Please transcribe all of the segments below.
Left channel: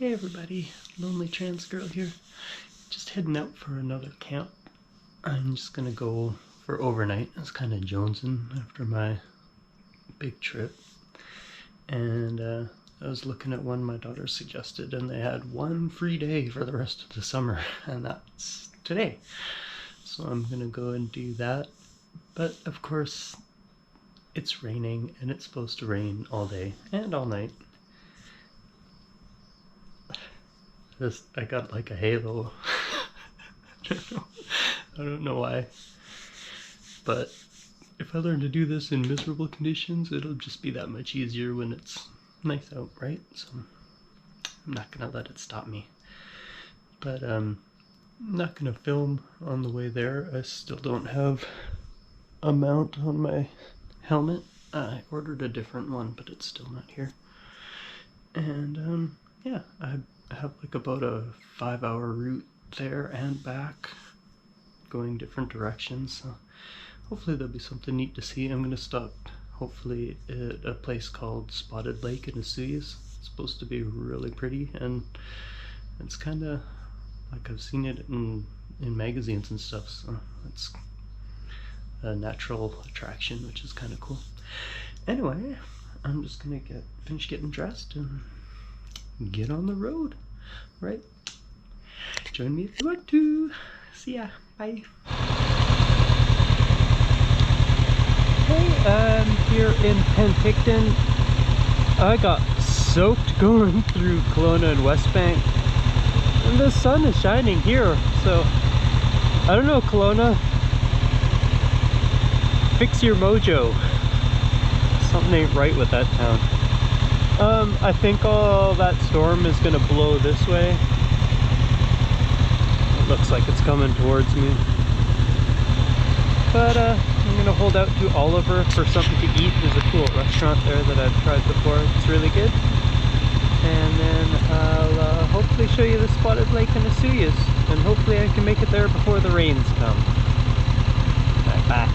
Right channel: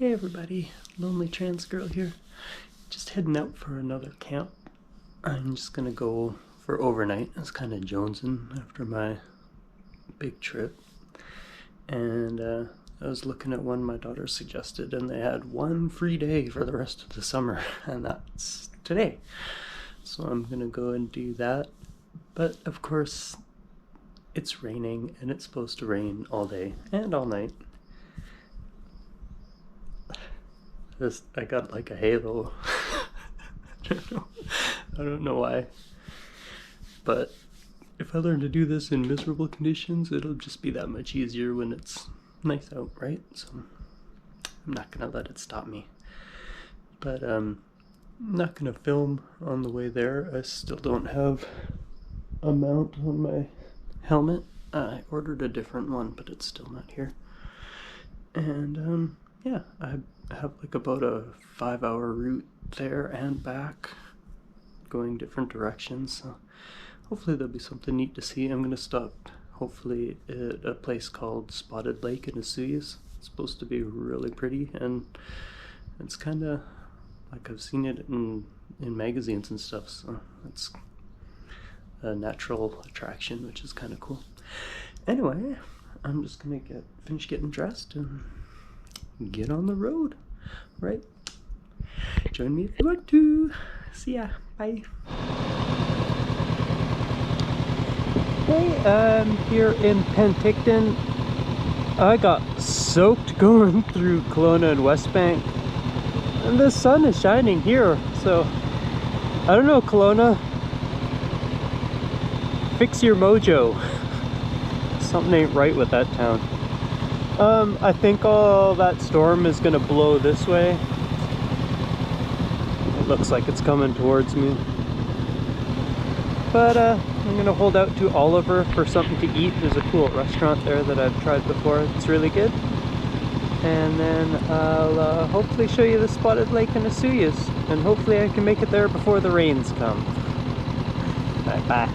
Hey everybody, Lonely Trans Girl here. Just heading out for another camp. I'm just gonna go for overnight. I was kind of jonesing after my big trip. And I was looking at one my daughter suggested, and they had one free day for the rest of the summer, and that's today. So I'm gonna go and do that. But of course, it's raining, and it's supposed to rain all day and all night. I got like a halo. I don't know why. But if I learn to do this in miserable conditions, it'll just be that much easier when it's nice out, right? So I'm not gonna let it stop me. But I'm not gonna film on the way there. I still don't have a mount on my helmet. I ordered a different one, but it's still not here. And yeah, I have like about a 5-hour route there and back, going different directions. So hopefully there'll be something neat to see. I'm gonna stop hopefully at a place called Spotted Lake in Asuyas. It's supposed to be really pretty, and it's kind of like I've seen it in magazines and stuff, so it's a natural attraction, which is kind of cool. Anyway, I'm just gonna finish getting dressed and get on the road, right? Join me if you want to. See ya. Bye. Hey, I'm here in Penticton. I got soaked going through Kelowna and West Bank, and the sun is shining here, so I don't know, Kelowna, fix your mojo. Something ain't right with that town. I think all that storm is gonna blow this way. It looks like it's coming towards me. But I'm gonna hold out to Oliver for something to eat. There's a cool restaurant there that I've tried before. It's really good. And then I'll hopefully show you the Spotted Lake in Asuyas. And hopefully I can make it there before the rains come. Bye bye.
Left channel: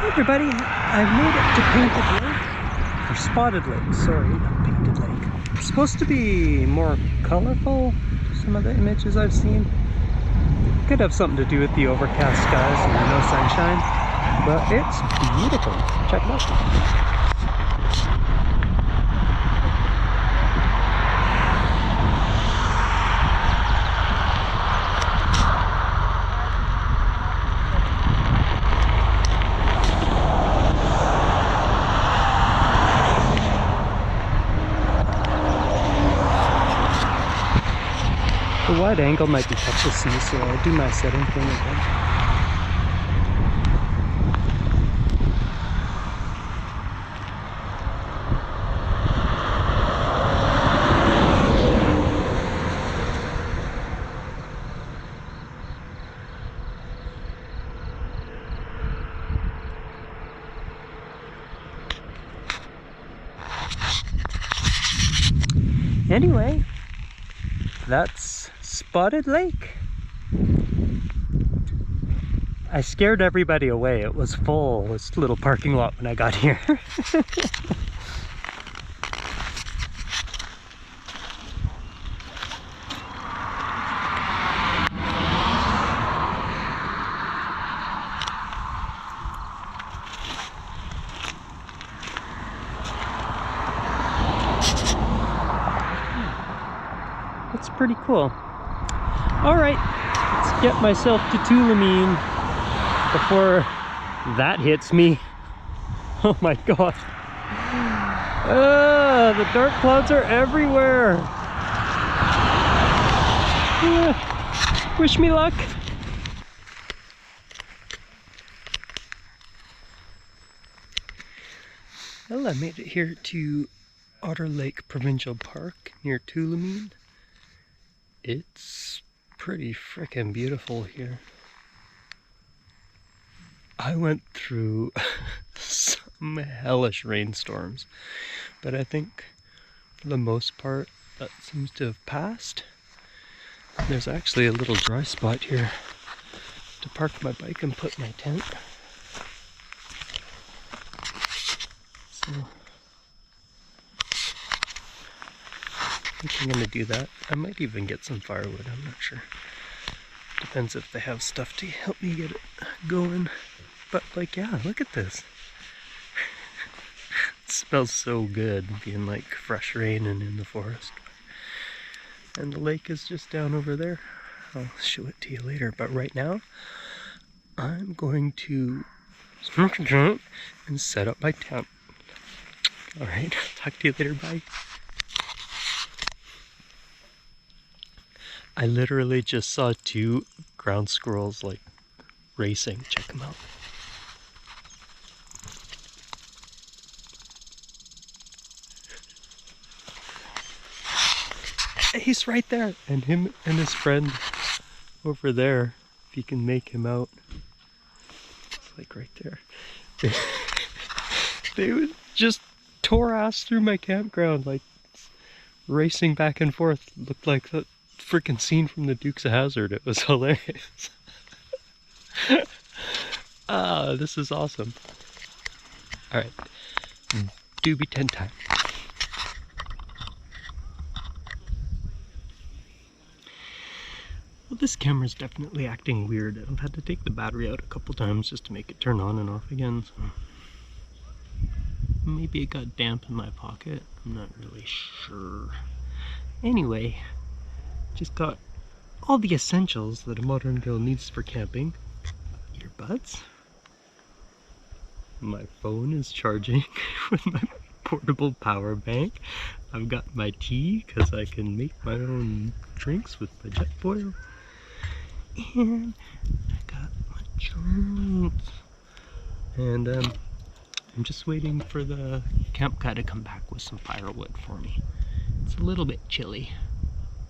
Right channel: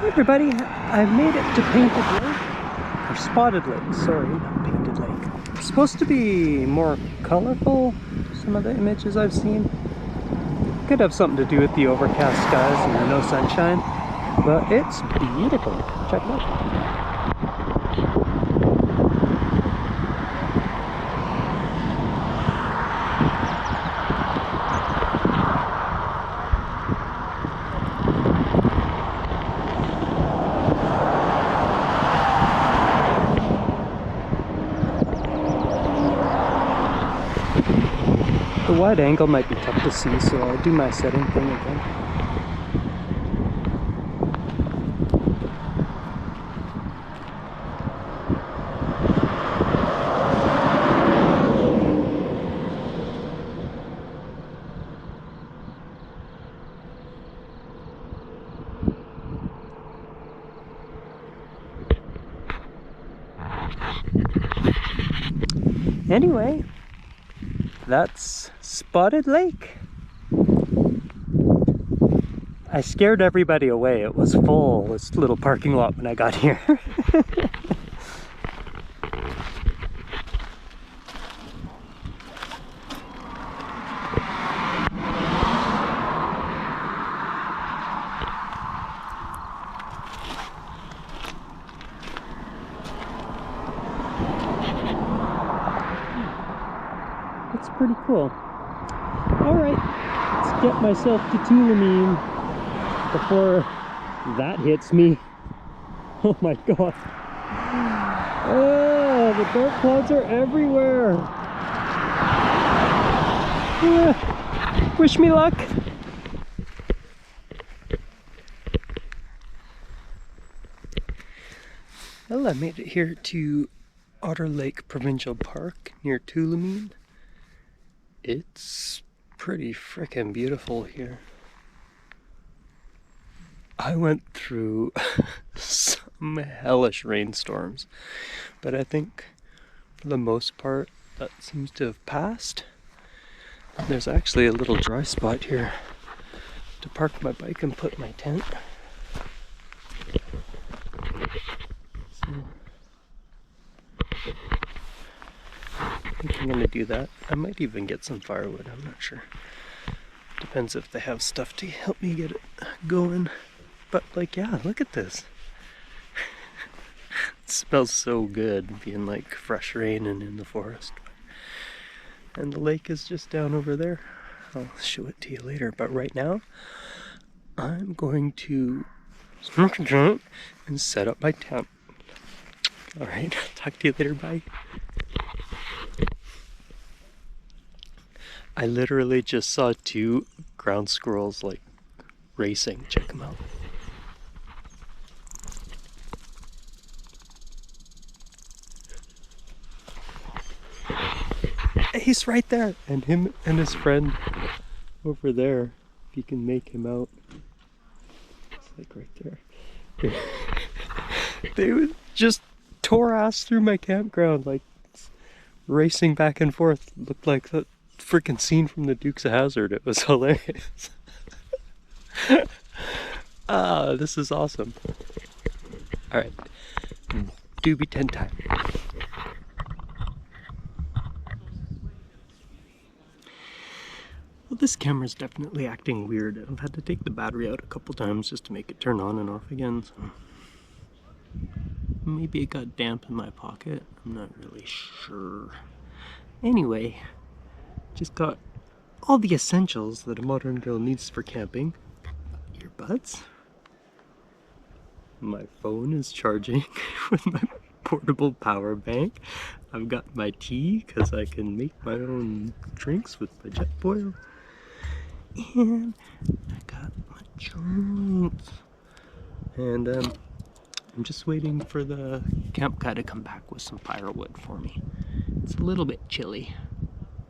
Hey everybody, I've made it to Painted Lake, or Spotted Lake, sorry, not Painted Lake. It's supposed to be more colorful, some of the images I've seen. Could have something to do with the overcast skies and the no sunshine, but it's beautiful. Check it out. The wide angle might be tough to see, so I'll do my setting thing again. Anyway, that's Spotted Lake. I scared everybody away. It was full, this little parking lot when I got here. It's pretty cool. Alright, let's get myself to Tulameen before that hits me. Oh my god. The dark clouds are everywhere. Wish me luck. Well, I made it here to Otter Lake Provincial Park near Tulameen. It's pretty frickin' beautiful here. I went through some hellish rainstorms, but I think for the most part that seems to have passed. There's actually a little dry spot here to park my bike and put my tent. So I think I'm gonna do that. I might even get some firewood, I'm not sure. Depends if they have stuff to help me get it going. But like, yeah, look at this. It smells so good being like fresh rain and in the forest. And the lake is just down over there. I'll show it to you later, but right now I'm going to smoke a joint and set up my tent. Alright, talk to you later, bye. I literally just saw 2 ground squirrels like racing. Check them out. He's right there, and him and his friend over there, if you can make him out. It's like right there. They just tore ass through my campground, like racing back and forth. Looked like the freaking scene from the Dukes of Hazzard. It was hilarious. Ah, this is awesome. Alright, doobie 10 time. Well, this camera's definitely acting weird. I've had to take the battery out a couple times just to make it turn on and off again, so maybe it got damp in my pocket. I'm not really sure. Anyway, just got all the essentials that a modern girl needs for camping. Earbuds. My phone is charging with my portable power bank. I've got my tea because I can make my own drinks with my jet boil. And I got my joints. And I'm just waiting for the camp guy to come back with some firewood for me. It's a little bit chilly.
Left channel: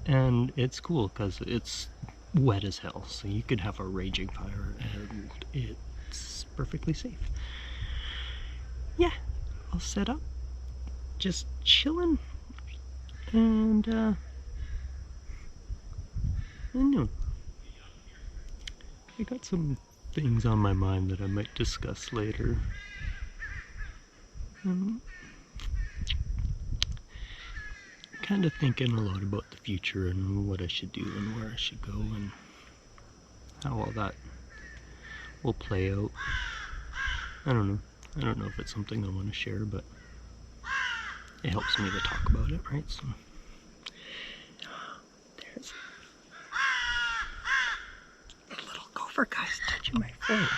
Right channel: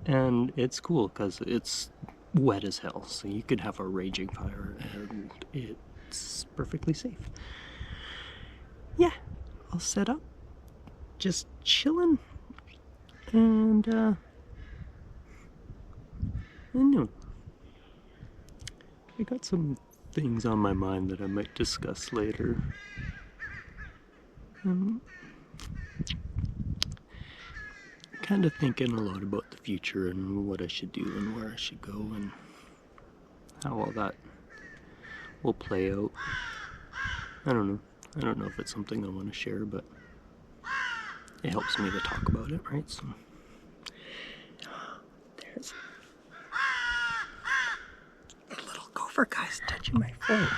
And it's cool because it's wet as hell. So you could have a raging fire and it's perfectly safe. Yeah, I'll set up. Just chilling. And I know. I got some things on my mind that I might discuss later. Kind of thinking a lot about the future and what I should do and where I should go and how all that will play out. I don't know. I don't know if it's something I want to share, but it helps me to talk about it, right? So there's the little gopher guy's touching my phone.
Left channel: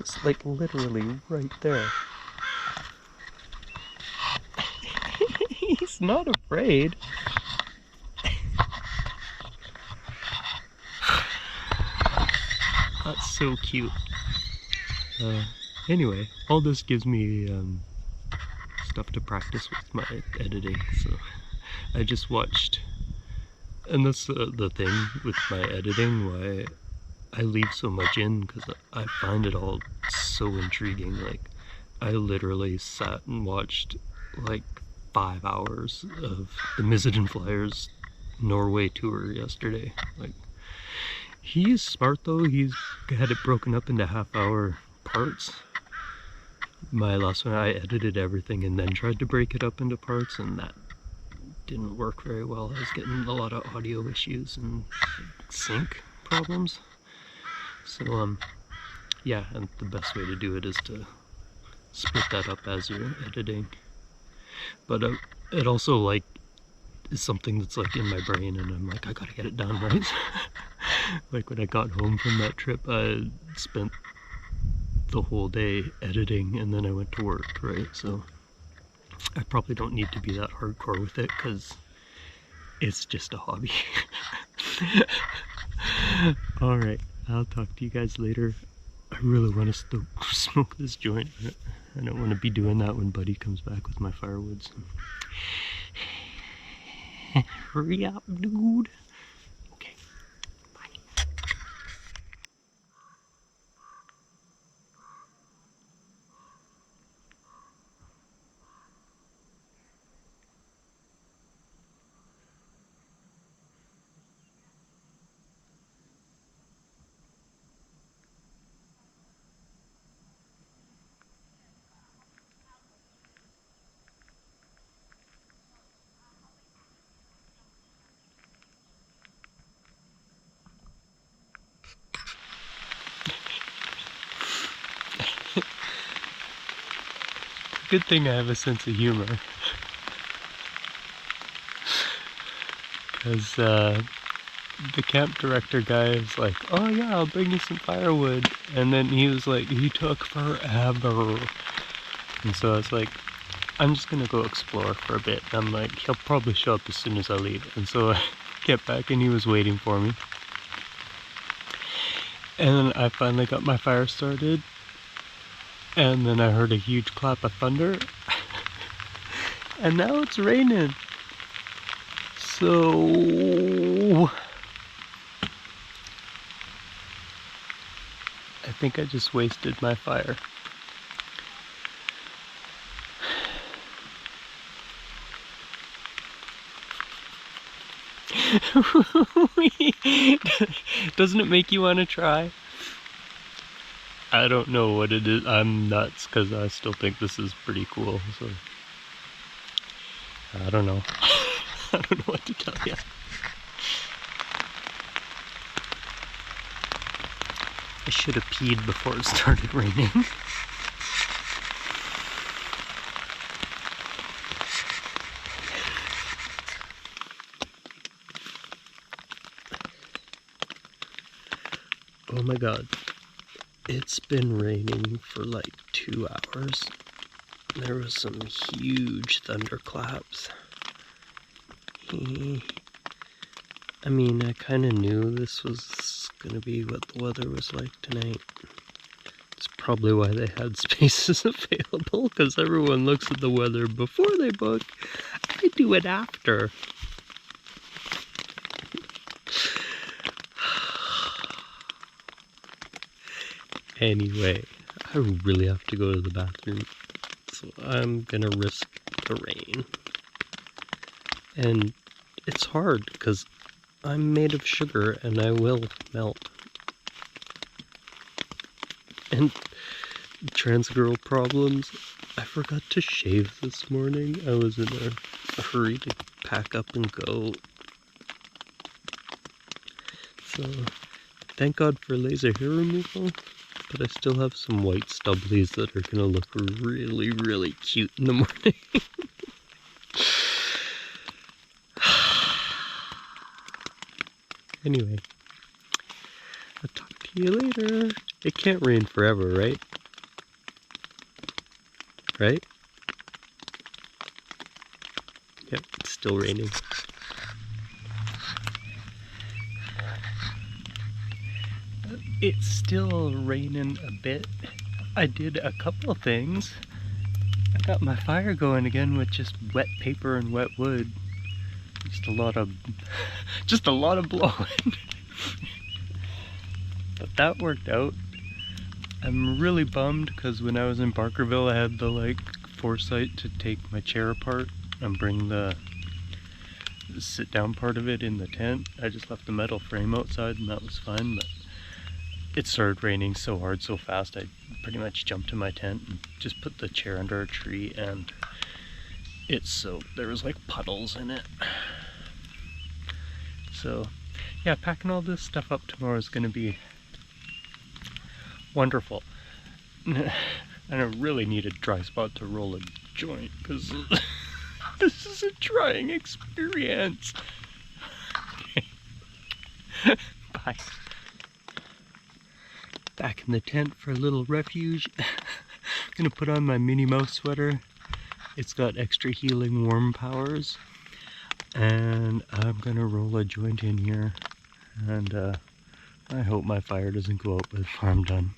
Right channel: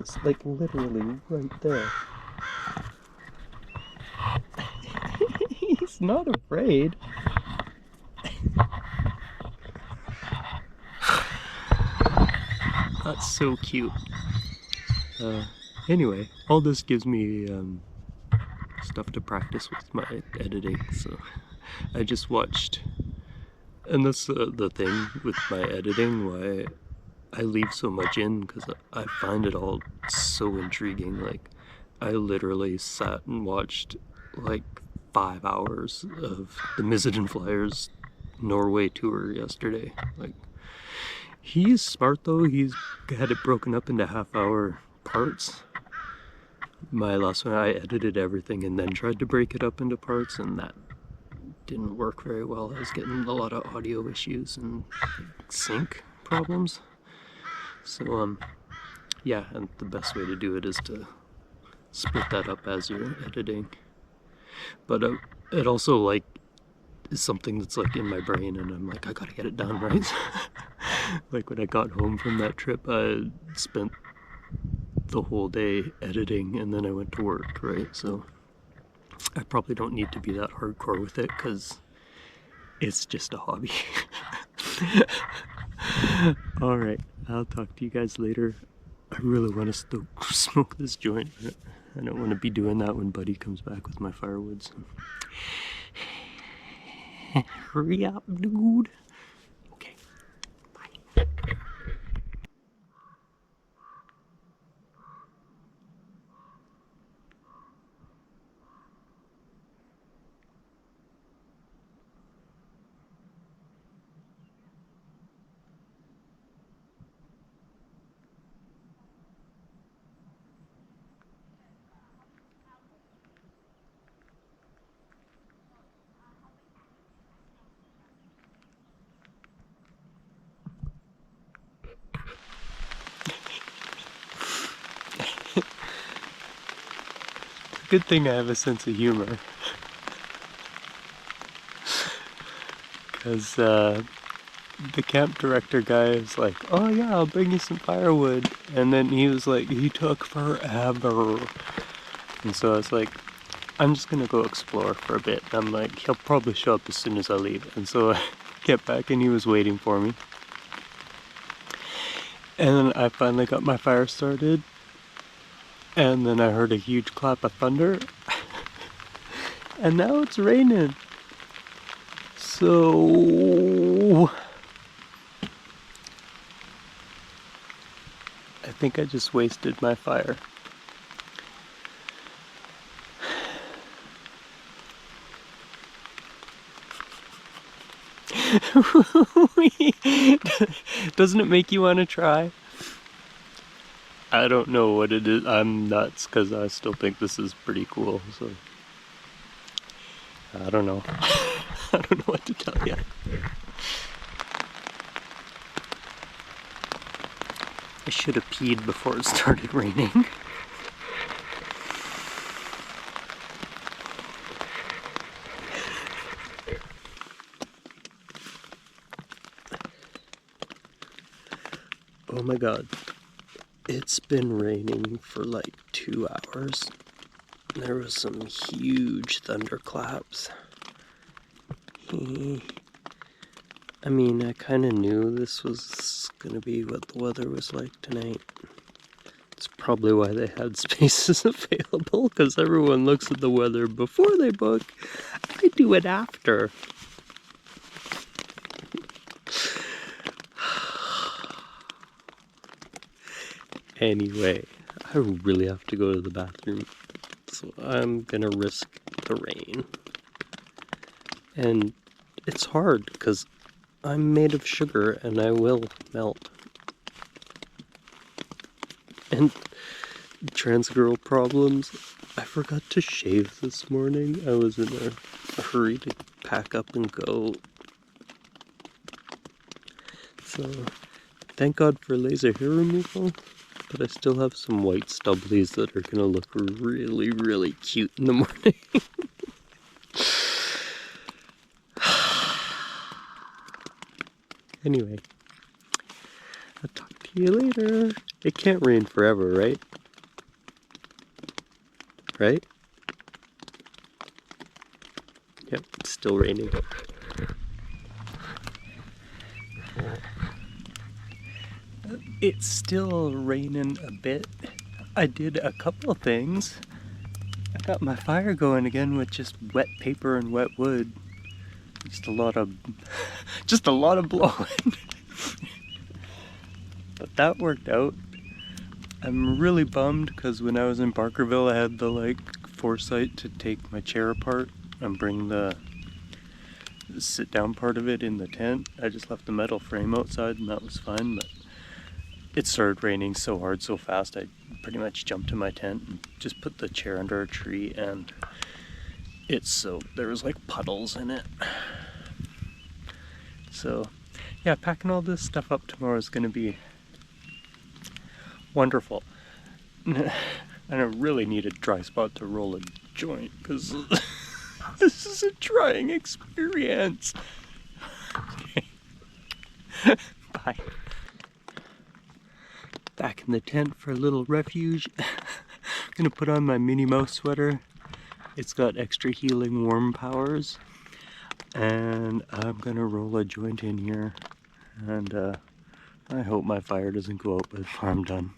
It's like literally right there. He's not afraid. That's so cute. Anyway, all this gives me stuff to practice with my editing, so I just watched, and that's the thing with my editing, why I leave so much in, because I find it all so intriguing. Like, I literally sat and watched like 5 hours of the Mizzen Flyers Norway tour yesterday. Like, he's smart though, he's had it broken up into half-hour parts. My last one, I edited everything and then tried to break it up into parts, and that didn't work very well. I was getting a lot of audio issues and sync problems. So yeah, and the best way to do it is to split that up as you're editing. But it also like is something that's like in my brain, and I'm like, I gotta get it done, right? Like when I got home from that trip, I spent the whole day editing and then I went to work, right? So I probably don't need to be that hardcore with it because it's just a hobby. Alright, I'll talk to you guys later. I really want to smoke this joint. I don't want to be doing that when Buddy comes back with my firewood. So. Hurry up, dude. Okay, bye. Good thing I have a sense of humor. Because the camp director guy is like, oh yeah, I'll bring you some firewood. And then he was like, he took forever. And so I was like, I'm just gonna go explore for a bit. And I'm like, he'll probably show up as soon as I leave. And so I get back and he was waiting for me. And then I finally got my fire started. And then I heard a huge clap of thunder. And now it's raining. So I think I just wasted my fire. Doesn't it make you want to try? I don't know what it is. I'm nuts because I still think this is pretty cool. So I don't know. I don't know what to tell you. I should have peed before it started raining. Oh my god. It's been raining for like 2 hours. There was some huge thunderclaps. I mean, I kind of knew this was gonna be what the weather was like tonight. It's probably why they had spaces available, because everyone looks at the weather before they book. I do it after. Anyway, I really have to go to the bathroom, so I'm gonna risk the rain. And it's hard, because I'm made of sugar and I will melt. And trans girl problems, I forgot to shave this morning. I was in a hurry to pack up and go. So, thank God for laser hair removal. But I still have some white stubblies that are gonna look really, really cute in the morning. Anyway, I'll talk to you later. It can't rain forever, right? Right? Yep, it's still raining. It's still raining a bit. I did a couple of things. I got my fire going again with just wet paper and wet wood. Just a lot of blowing. But that worked out. I'm really bummed because when I was in Barkerville I had the foresight to take my chair apart and bring the sit down part of it in the tent. I just left the metal frame outside and that was fine, but it started raining so hard so fast I pretty much jumped in my tent and just put the chair under a tree and it's soaked. There was puddles in it. So yeah, packing all this stuff up tomorrow is going to be wonderful. And I really need a dry spot to roll a joint because this is a trying experience. Bye. Back in the tent for a little refuge. I'm gonna put on my Minnie Mouse sweater. It's got extra healing warm powers. And I'm gonna roll a joint in here. And I hope my fire doesn't go out before I'm done.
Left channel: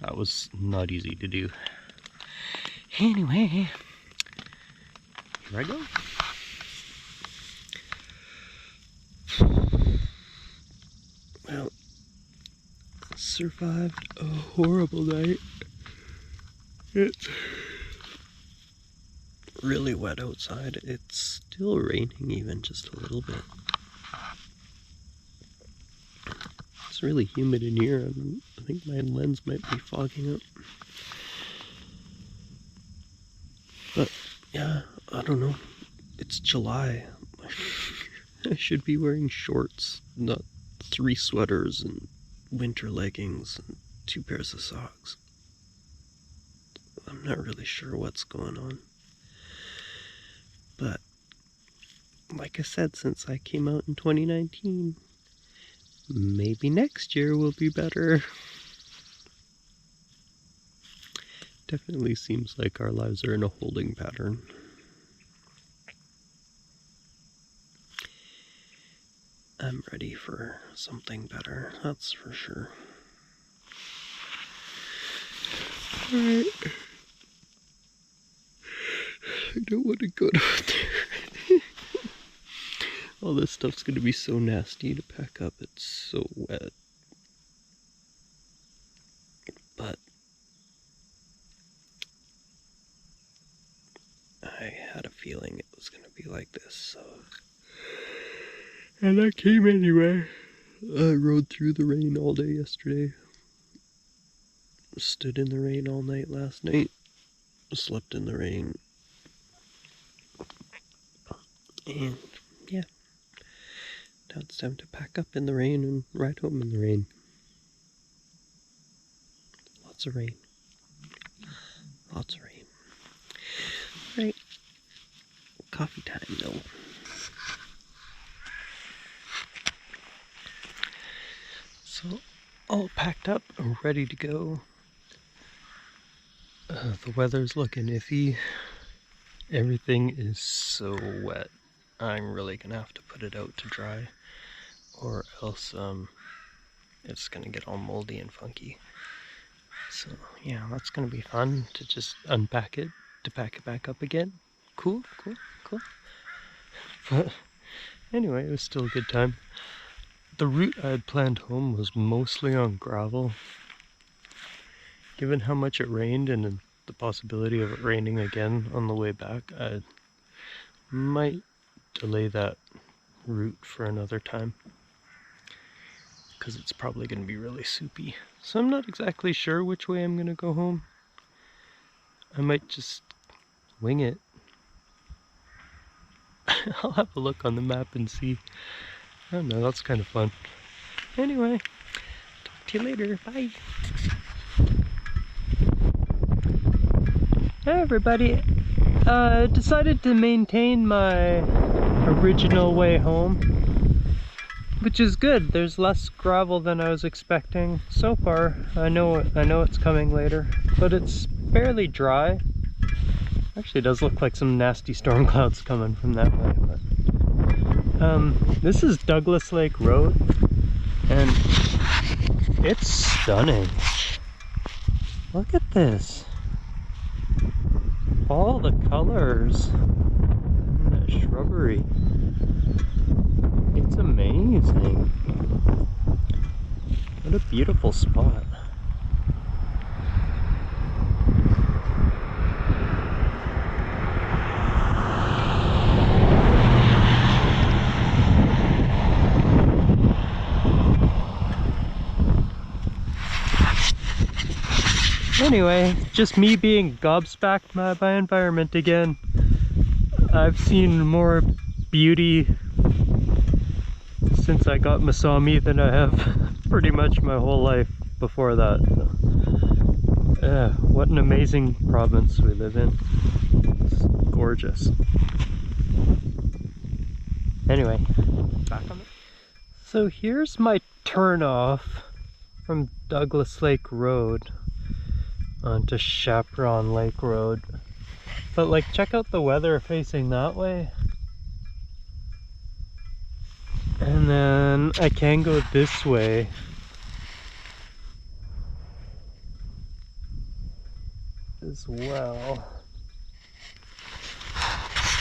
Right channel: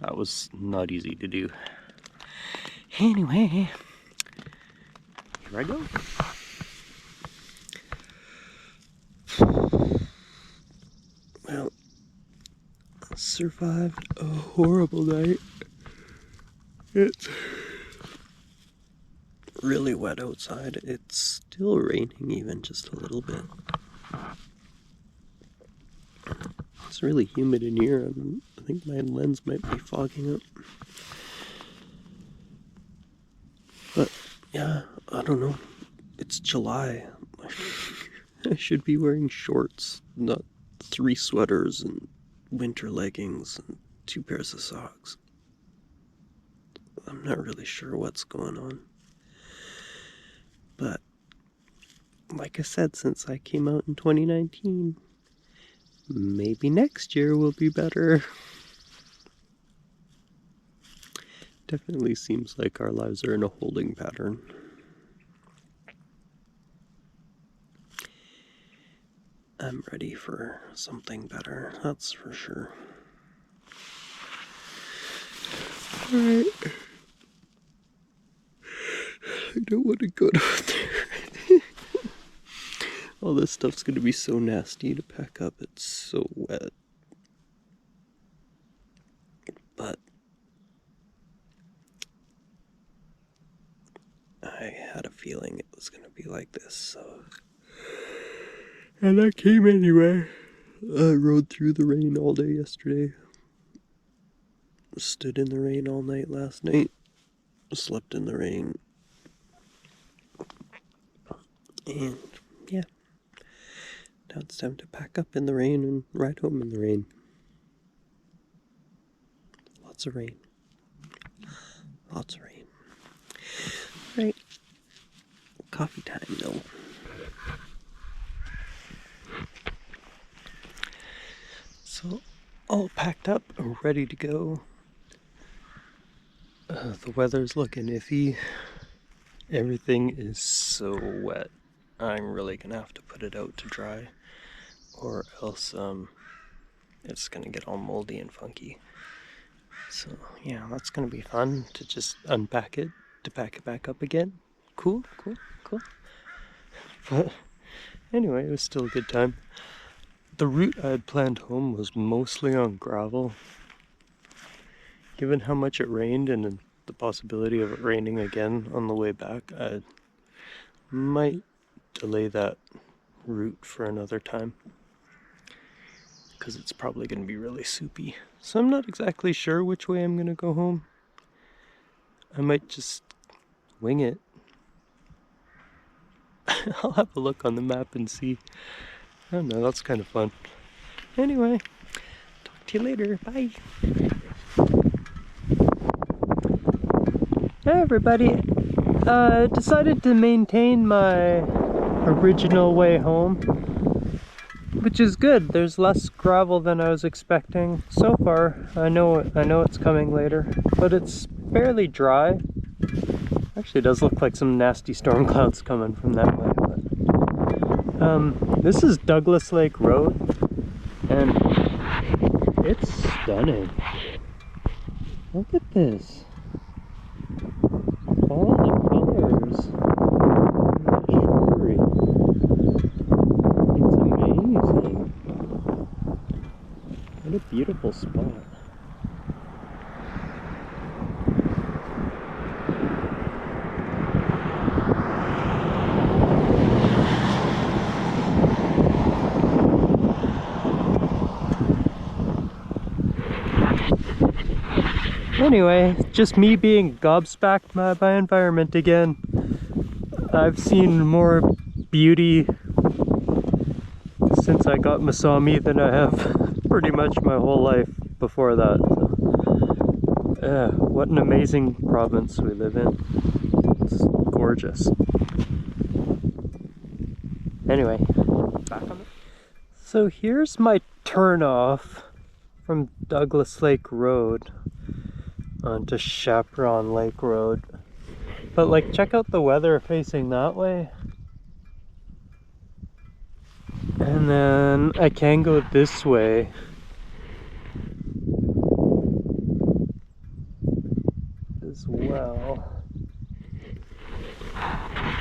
That was not easy to do. Anyway, here I go. Well, survived a horrible night. It's really wet outside. It's still raining even just a little bit. It's really humid in here. I think my lens might be fogging up. But yeah, I don't know. It's July. I should be wearing shorts, not 3 sweaters and winter leggings and 2 pairs of socks. I'm not really sure what's going on. But like I said, since I came out in 2019, maybe next year will be better. Definitely seems like our lives are in a holding pattern. I'm ready for something better, that's for sure. Alright. I don't want to go down there. All this stuff's gonna be so nasty to pack up, it's so wet. But I had a feeling it was gonna be like this, so. And I came anyway. I rode through the rain all day yesterday. Stood in the rain all night last night. Slept in the rain. And yeah. Now it's time to pack up in the rain and ride home in the rain. Lots of rain. Lots of rain. Right. Coffee time though. So, all packed up, ready to go. The weather's looking iffy. Everything is so wet. I'm really gonna have to put it out to dry, or else it's gonna get all moldy and funky. So yeah, that's gonna be fun to just unpack it, to pack it back up again. Cool. But anyway, it was still a good time. The route I had planned home was mostly on gravel. Given how much it rained and the possibility of it raining again on the way back, I might delay that route for another time, because it's probably going to be really soupy. So I'm not exactly sure which way I'm going to go home. I might just wing it. I'll have a look on the map and see. I don't know, that's kind of fun. Anyway, talk to you later. Bye. Hey everybody. Decided to maintain my original way home, which is good. There's less gravel than I was expecting. So far, I know it's coming later, but it's fairly dry. Actually, it does look like some nasty storm clouds coming from that way. But, this is Douglas Lake Road, and it's stunning. Look at this. All the colors in that shrubbery. It's amazing. What a beautiful spot. Anyway, just me being gobsmacked by my environment again. I've seen more beauty since I got Masami than I have pretty much my whole life before that. What an amazing province we live in. It's gorgeous. Anyway, back on it. So here's my turn off from Douglas Lake Road onto Chaperon Lake Road. But like, check out the weather facing that way. And then I can go this way. As well.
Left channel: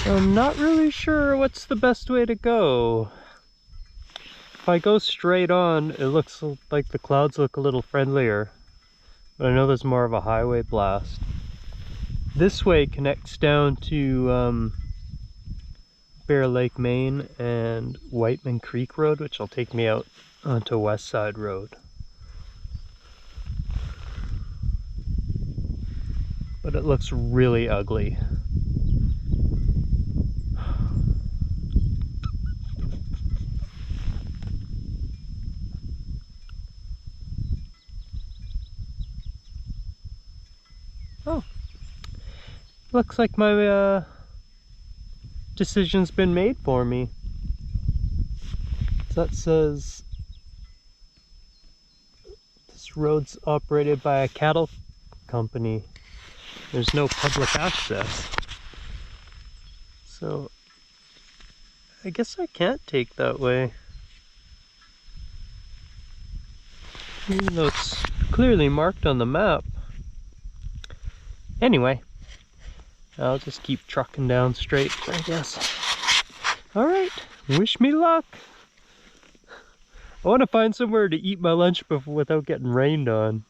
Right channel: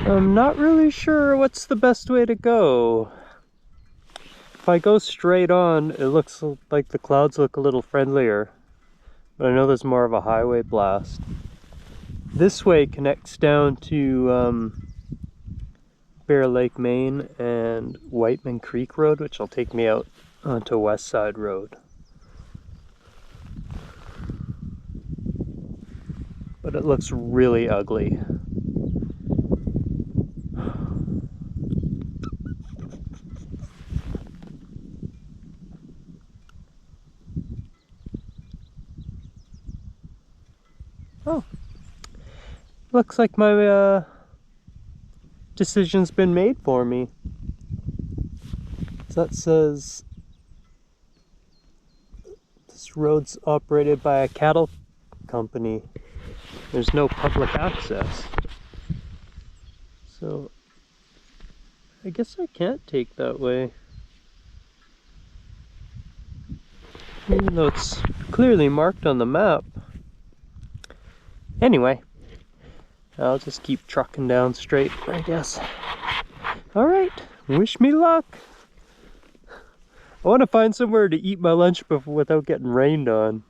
I'm not really sure what's the best way to go. If I go straight on, it looks like the clouds look a little friendlier. But I know there's more of a highway blast. This way connects down to Bear Lake, Maine and Whiteman Creek Road, which will take me out onto West Side Road. But it looks really ugly. Oh, looks like my decision's been made for me. So that says this road's operated by a cattle company. There's no public access. So I guess I can't take that way. Even though it's clearly marked on the map. Anyway, I'll just keep trucking down straight, I guess. Alright, wish me luck. I want to find somewhere to eat my lunch before without getting rained on.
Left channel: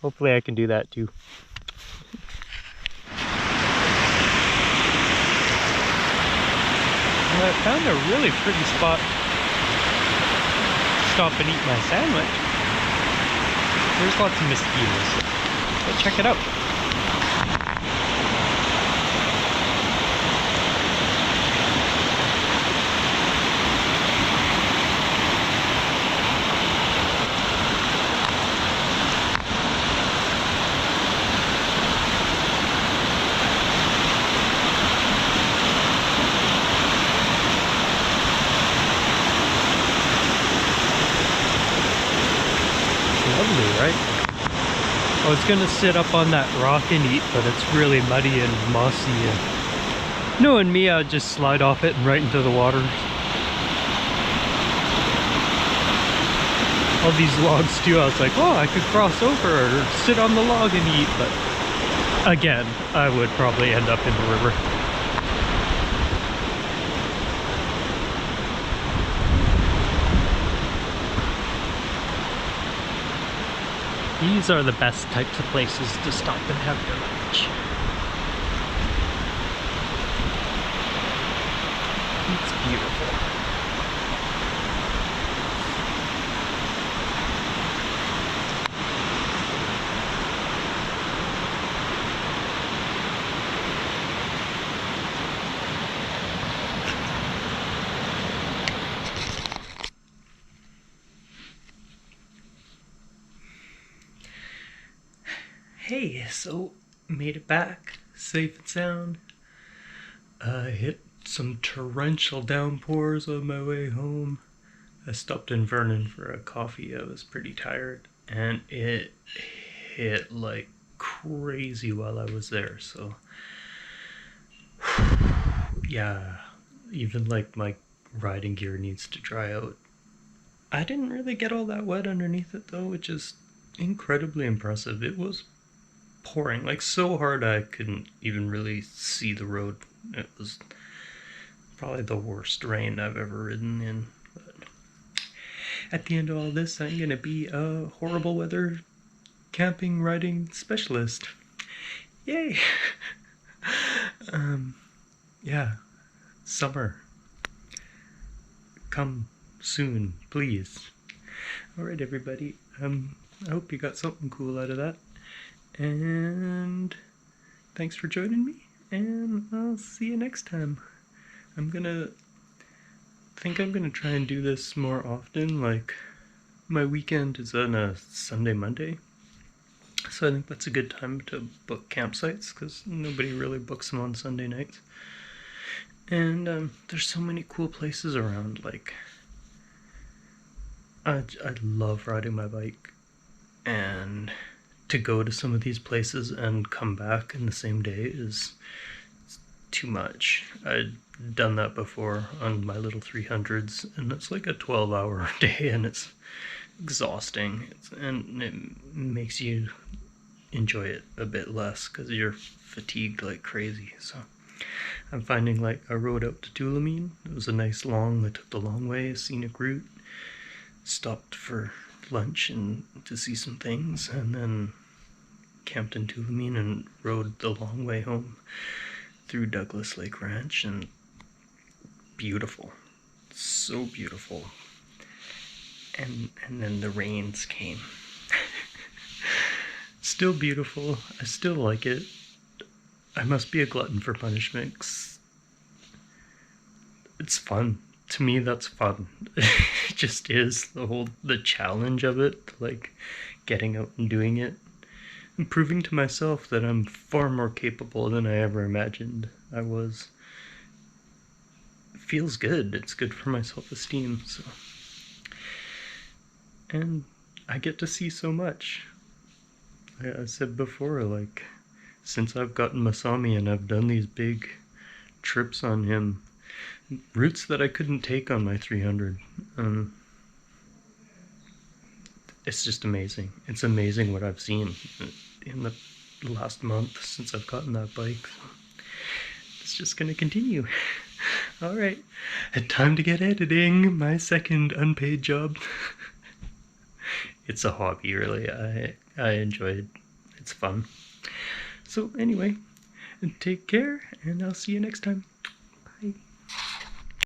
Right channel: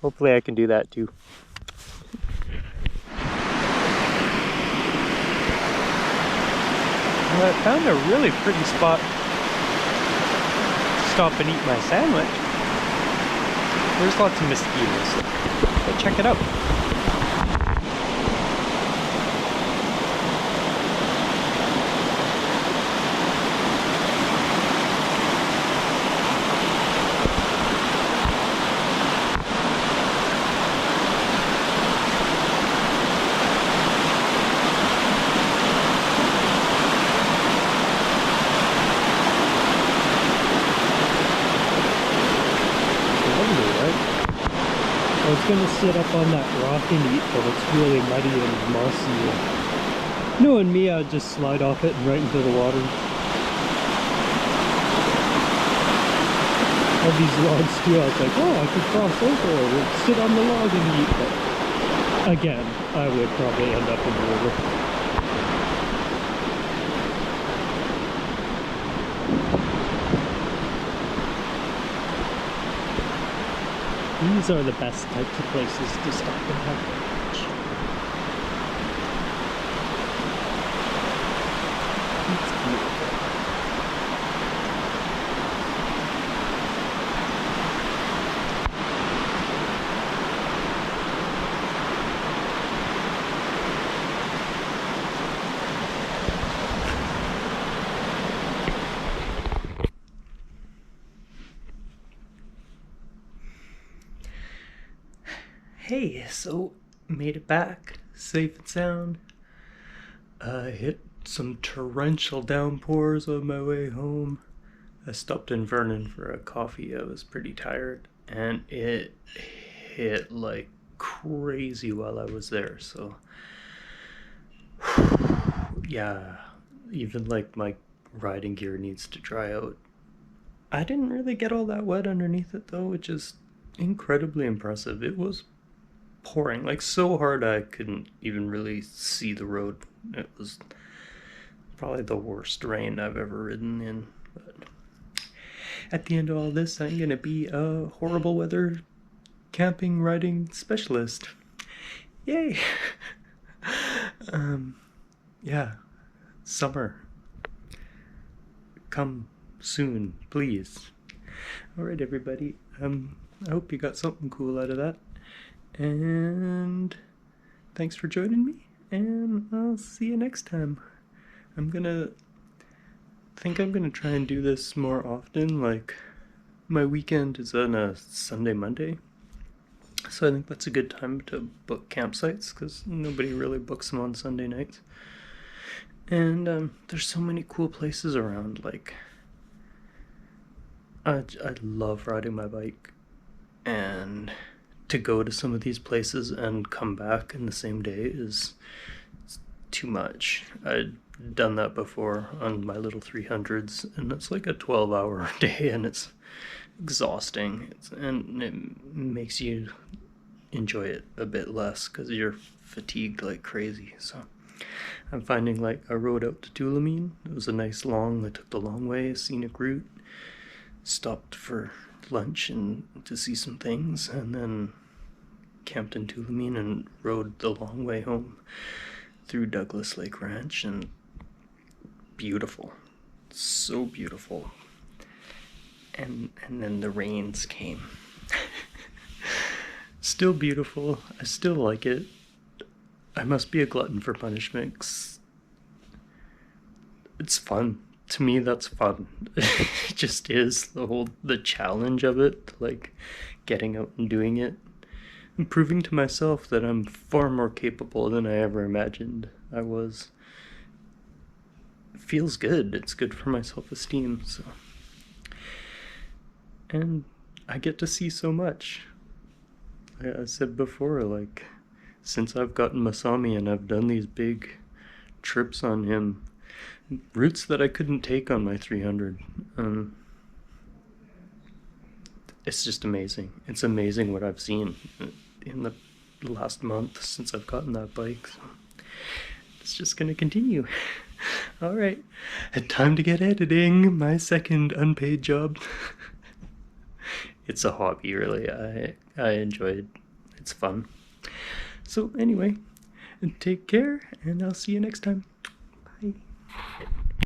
Hopefully I can do that too. Well, I found a really pretty spot to stop and eat my sandwich. There's lots of mosquitoes, but check it out. I was gonna sit up on that rock and eat, but it's really muddy and mossy. And knowing me, I'd just slide off it and right into the water. All these logs too, I was like, oh, I could cross over or sit on the log and eat, but again, I would probably end up in the river. These are the best types of places to stop and have lunch. It's beautiful. Hey, so made it back safe and sound. Hit some torrential downpours on my way home. I stopped in Vernon for a coffee. I was pretty tired, and it hit like crazy while I was there. So yeah, even like my riding gear needs to dry out. I didn't really get all that wet underneath it though, which is incredibly impressive. It was pouring like so hard I couldn't even really see the road. It was probably the worst rain I've ever ridden in. But at the end of all this, I'm gonna be a horrible weather camping riding specialist. Yay! Yeah, summer. Come soon, please. Alright everybody, I hope you got something cool out of that. And thanks for joining me, and I'll see you next time. I'm gonna try and do this more often. Like, my weekend is on a Sunday, Monday, so I think that's a good time to book campsites, because nobody really books them on Sunday nights. And there's so many cool places around. Like, I love riding my bike, and to go to some of these places and come back in the same day is too much. I'd done that before on my little 300s, and it's like a 12-hour day, and it's exhausting, and it makes you enjoy it a bit less because you're fatigued like crazy. So I'm finding, like, I rode out to Tulameen. It was a nice I took the long way, scenic route, stopped for lunch and to see some things, and then camped in Tulameen and rode the long way home through Douglas Lake Ranch. And beautiful, so beautiful. And then the rains came. Still beautiful. I still like it. I must be a glutton for punishment. It's fun. To me, that's fun. It just is the challenge of it, like getting out and doing it. proving to myself that I'm far more capable than I ever imagined I was. It feels good. It's good for my self-esteem. So, and I get to see so much. I said before, like, since I've gotten Masami and I've done these big trips on him, routes that I couldn't take on my 300. It's just amazing. It's amazing what I've seen in the last month since I've gotten that bike. So it's just gonna continue. All right, time to get editing. My second unpaid job. It's a hobby, really. I enjoy it. It's fun. So anyway, take care, and I'll see you next time.